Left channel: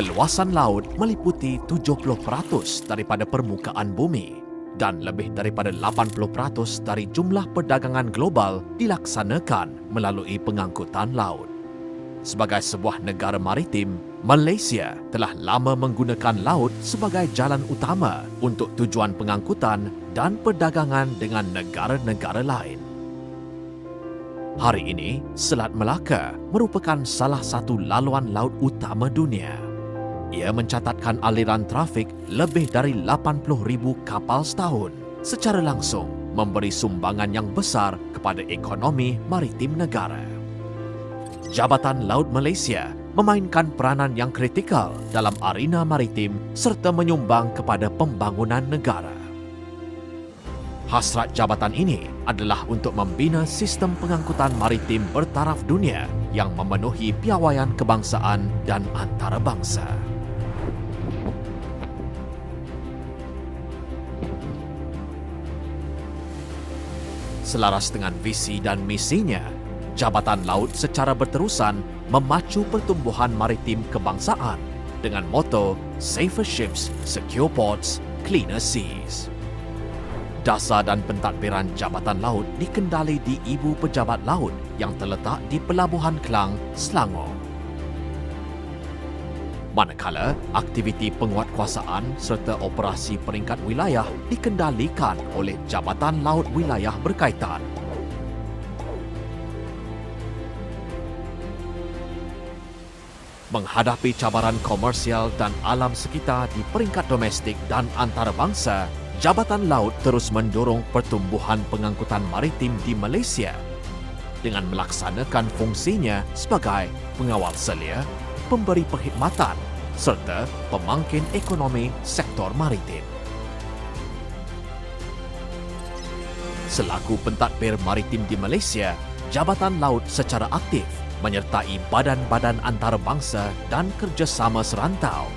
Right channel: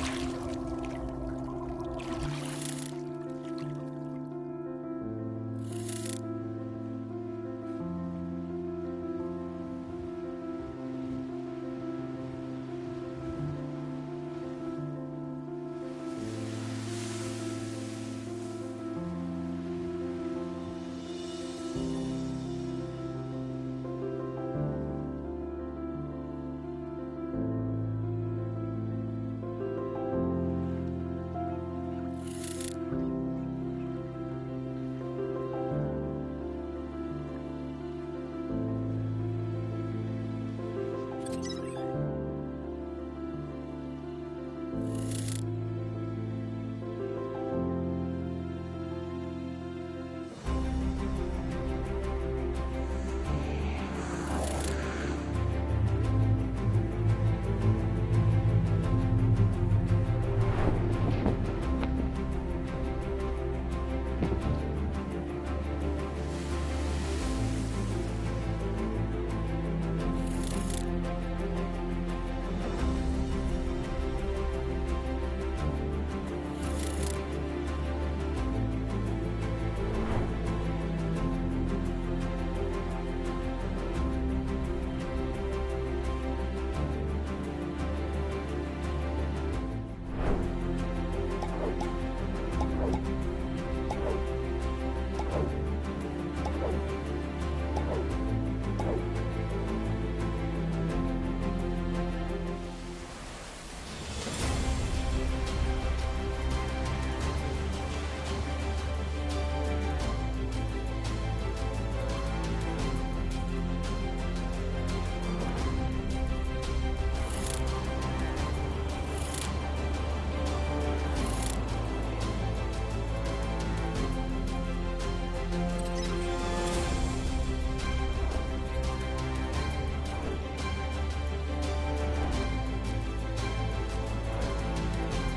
Keluasan laut meliputi 70% daripada permukaan bumi dan lebih daripada 80% dari jumlah perdagangan global dilaksanakan melalui pengangkutan laut. Sebagai sebuah negara maritim, Malaysia telah lama menggunakan laut sebagai jalan utama untuk tujuan pengangkutan dan perdagangan dengan negara-negara lain. Hari ini, Selat Melaka merupakan salah satu laluan laut utama dunia. Ia mencatatkan aliran trafik lebih dari 80,000 kapal setahun, secara langsung memberi sumbangan yang besar kepada ekonomi maritim negara. Jabatan Laut Malaysia memainkan peranan yang kritikal dalam arena maritim serta menyumbang kepada pembangunan negara. Hasrat jabatan ini adalah untuk membina sistem pengangkutan maritim bertaraf dunia yang memenuhi piawaian kebangsaan dan antarabangsa. Selaras dengan visi dan misinya, Jabatan Laut secara berterusan memacu pertumbuhan maritim kebangsaan dengan moto Safer Ships, Secure Ports, Cleaner Seas. Dasar dan pentadbiran Jabatan Laut dikendali di Ibu Pejabat Laut yang terletak di Pelabuhan Klang, Selangor. Manakala aktiviti penguatkuasaan serta operasi peringkat wilayah dikendalikan oleh Jabatan Laut Wilayah berkaitan. Menghadapi cabaran komersial dan alam sekitar di peringkat domestik dan antarabangsa, Jabatan Laut terus mendorong pertumbuhan pengangkutan maritim di Malaysia dengan melaksanakan fungsinya sebagai pengawal selia, pemberi perkhidmatan serta pemangkin ekonomi sektor maritim. Selaku pentadbir maritim di Malaysia, Jabatan Laut secara aktif menyertai badan-badan antarabangsa dan kerjasama serantau.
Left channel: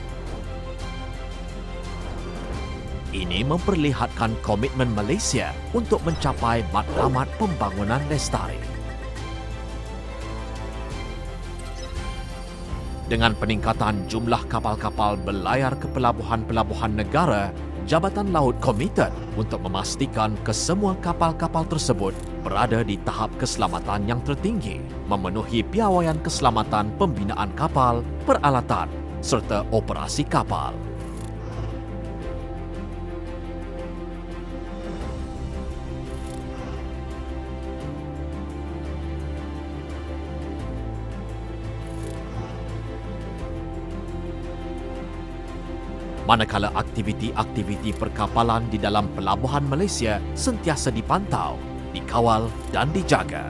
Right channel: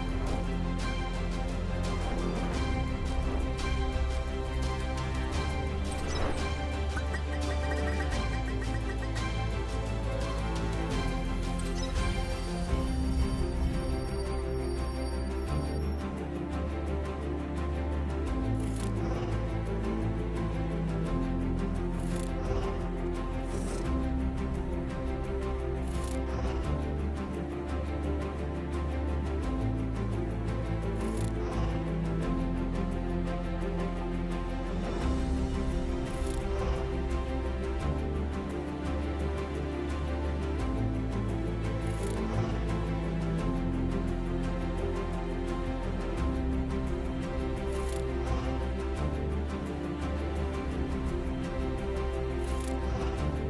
Ini memperlihatkan komitmen Malaysia untuk mencapai matlamat pembangunan lestari. Dengan peningkatan jumlah kapal-kapal berlayar ke pelabuhan-pelabuhan negara, Jabatan Laut komited untuk memastikan kesemua kapal-kapal tersebut berada di tahap keselamatan yang tertinggi, memenuhi piawaian keselamatan pembinaan kapal, peralatan serta operasi kapal. Manakala aktiviti-aktiviti perkapalan di dalam pelabuhan Malaysia sentiasa dipantau, dikawal dan dijaga.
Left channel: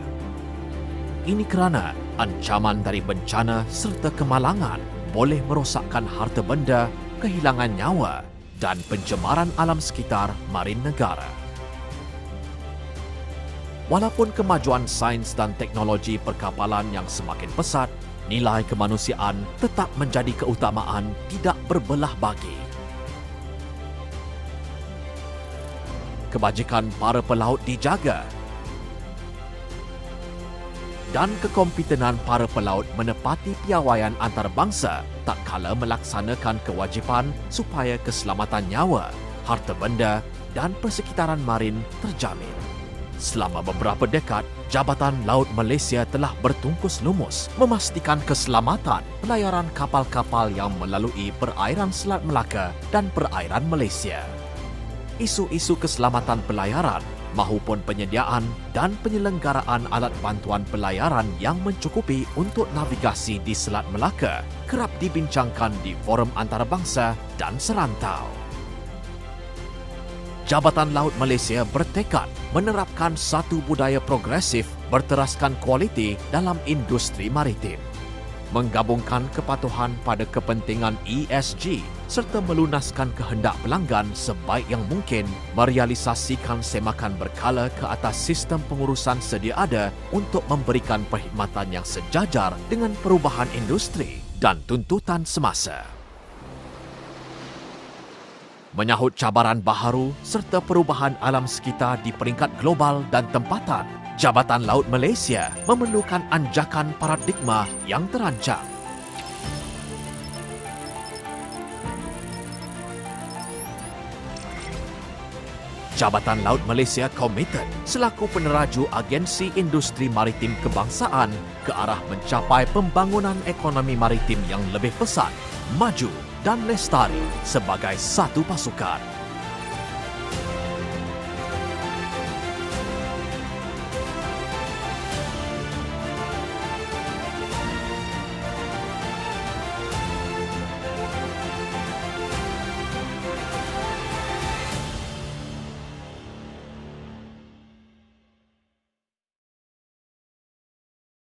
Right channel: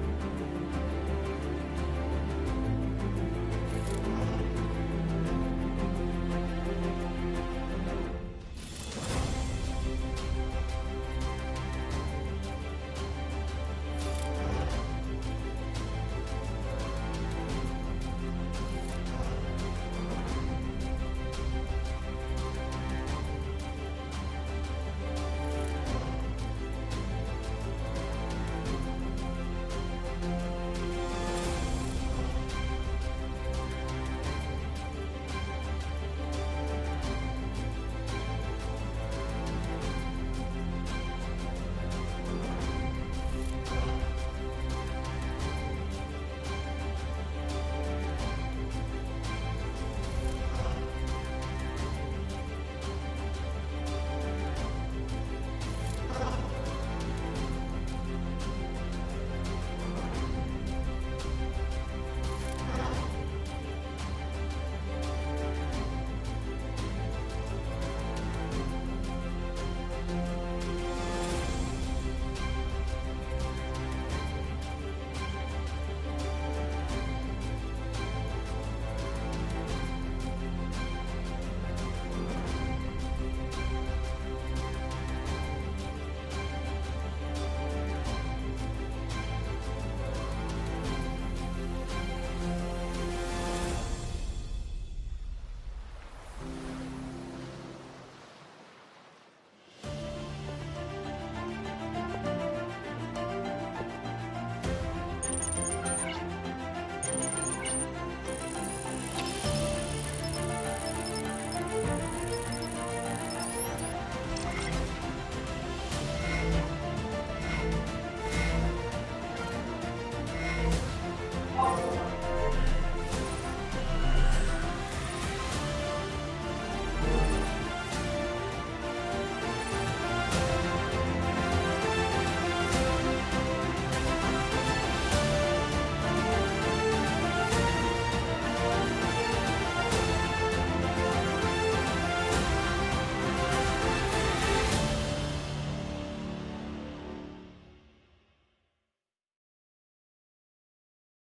Ini kerana ancaman dari bencana serta kemalangan boleh merosakkan harta benda, kehilangan nyawa dan pencemaran alam sekitar marin negara. Walaupun kemajuan sains dan teknologi perkapalan yang semakin pesat, nilai kemanusiaan tetap menjadi keutamaan tidak berbelah bagi. Kebajikan para pelaut dijaga dan kekompitenan para pelaut menepati piawaian antarabangsa tak kala melaksanakan kewajipan supaya keselamatan nyawa, harta benda dan persekitaran marin terjamin. Selama beberapa dekad, Jabatan Laut Malaysia telah bertungkus lumus memastikan keselamatan pelayaran kapal-kapal yang melalui perairan Selat Melaka dan perairan Malaysia. Isu-isu keselamatan pelayaran mahupun penyediaan dan penyelenggaraan alat bantuan pelayaran yang mencukupi untuk navigasi di Selat Melaka kerap dibincangkan di forum antarabangsa dan serantau. Jabatan Laut Malaysia bertekad menerapkan satu budaya progresif berteraskan kualiti dalam industri maritim, menggabungkan kepatuhan pada kepentingan ESG serta melunaskan kehendak pelanggan sebaik yang mungkin, merealisasikan semakan berkala ke atas sistem pengurusan sedia ada untuk memberikan perkhidmatan yang sejajar dengan perubahan industri dan tuntutan semasa. Menyahut cabaran baharu serta perubahan alam sekitar di peringkat global dan tempatan, Jabatan Laut Malaysia memerlukan anjakan paradigma yang terancang. Jabatan Laut Malaysia komited selaku peneraju Agensi Industri Maritim Kebangsaan ke arah mencapai pembangunan ekonomi maritim yang lebih pesat, maju dan lestari sebagai satu pasukan.